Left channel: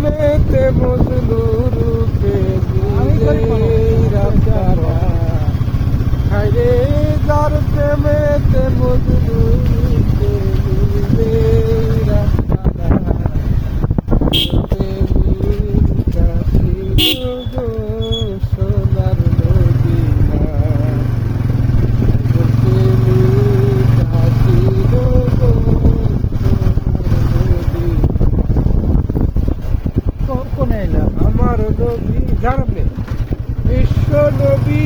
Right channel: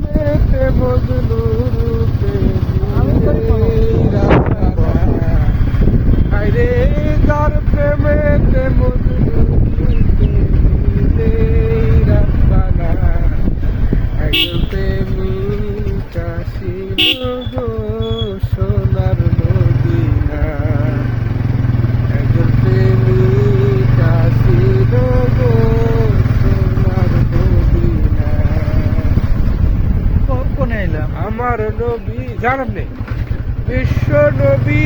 মেতে মজনু রূপে হায়রে যার প্রেমেতে মজনু রূপে রাস্তানা প্রেমিক আসিল গো সোনার মদিনা প্রেমিক আসিল গো সোনার মদিনা কোনে এলাম আমার নবী জানাব নেই বিশ্ব নবী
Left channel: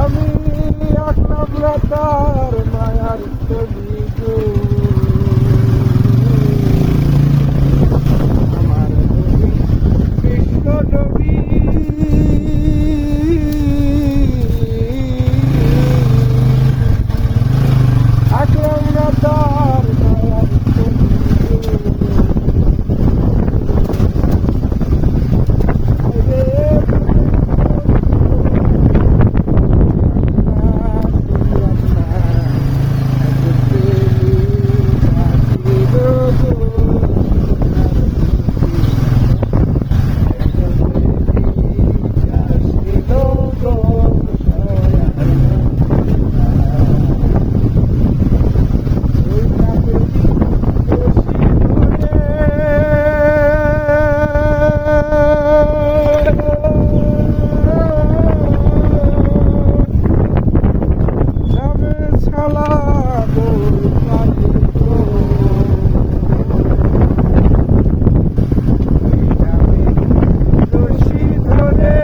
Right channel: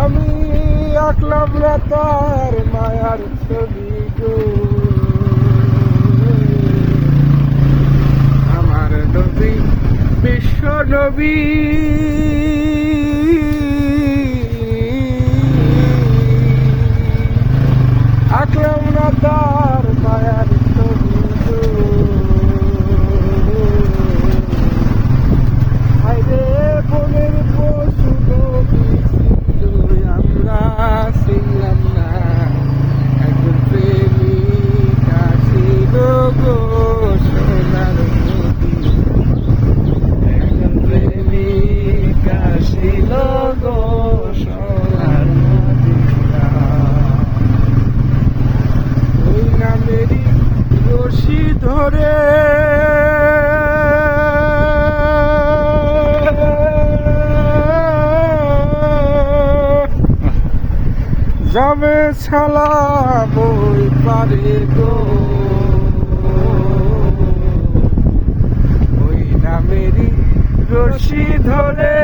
আমি আঁকলাম না তার মায়ার ছবি গো আমার নবী বিশ্ব নবী আঁকলাম না তার মায়ার ছবি গো হায়রে বনের পশু নবী আমরা ছিলাম না একজন প্রেমিক আসিল গো সোনার মদিনা একজন প্রেমিক আসিল গো সোনার মদিনা ওই নামেরই রশি ধরে যাবে ছালা বই পারে গো ওই নামেরই রশি ধরে